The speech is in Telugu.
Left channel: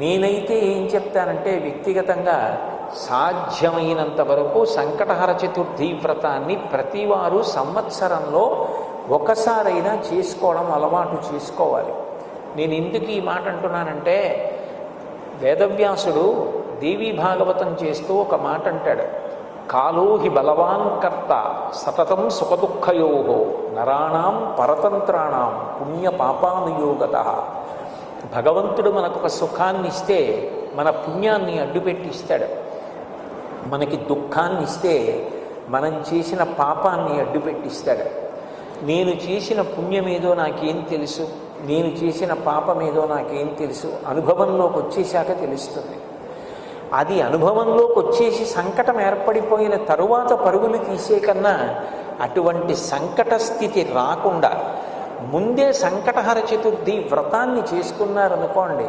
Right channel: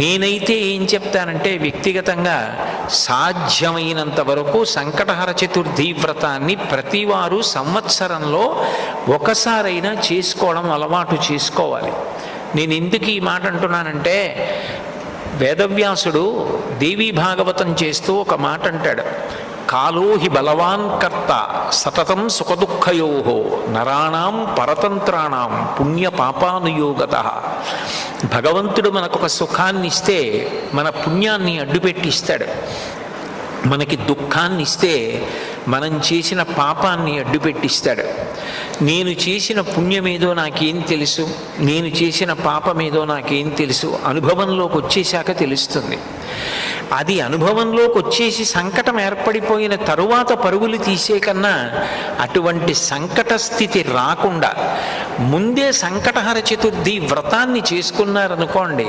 నేనైతే ఏం చెప్తానంటే వ్యక్తిగతంగా సాధ్యమైనంత వరకు సంకటహర చతుర్థి వ్రతాన్ని ప్రతివారు సంవత్సరంలో ఒకసారైనా చేసుకోవడం అలవాటు చేసుకోవాలి. నేను ఎందుకు ఈ మాట అంటున్నానంటే, వేదవ్యాసుడు దేవీ భాగవతం చేస్తూ ఒక మాట అంటాడు, కాలో హి బలవాన్ కర్త సతతం సుఖదుఃఖయో నరాణం పరతంత్రాణం పుణ్య పాపానుయోగత. భగవంతుడు మనకొక సుఖాన్ని ఇస్తే మన పుణ్యాన్ని అడ్డుపెట్టిస్తాడు, మనకి దుఃఖాన్ని ఇస్తే మనం చేసిన పాపాన్ని అడ్డుపెట్టిస్తాడు. నేను చేసిన పుణ్యమేదో నాకేం తెలుసు, నేను చేసిన పాపమేదో నాకేం తెలుసు, అనుభవంలోకి వచ్చేశాక తెలుస్తుంది. అది అనుభవంలోకి వచ్చేసి సంకటం ఏర్పడిపోయిన తరువాత పరుగులు తీసే కన్నా అటువంటి సంకట స్థితి రాకుండా ముందే సంకటహర చతుర్థి వ్రతాన్ని చేసుకున్నారనుకోండి,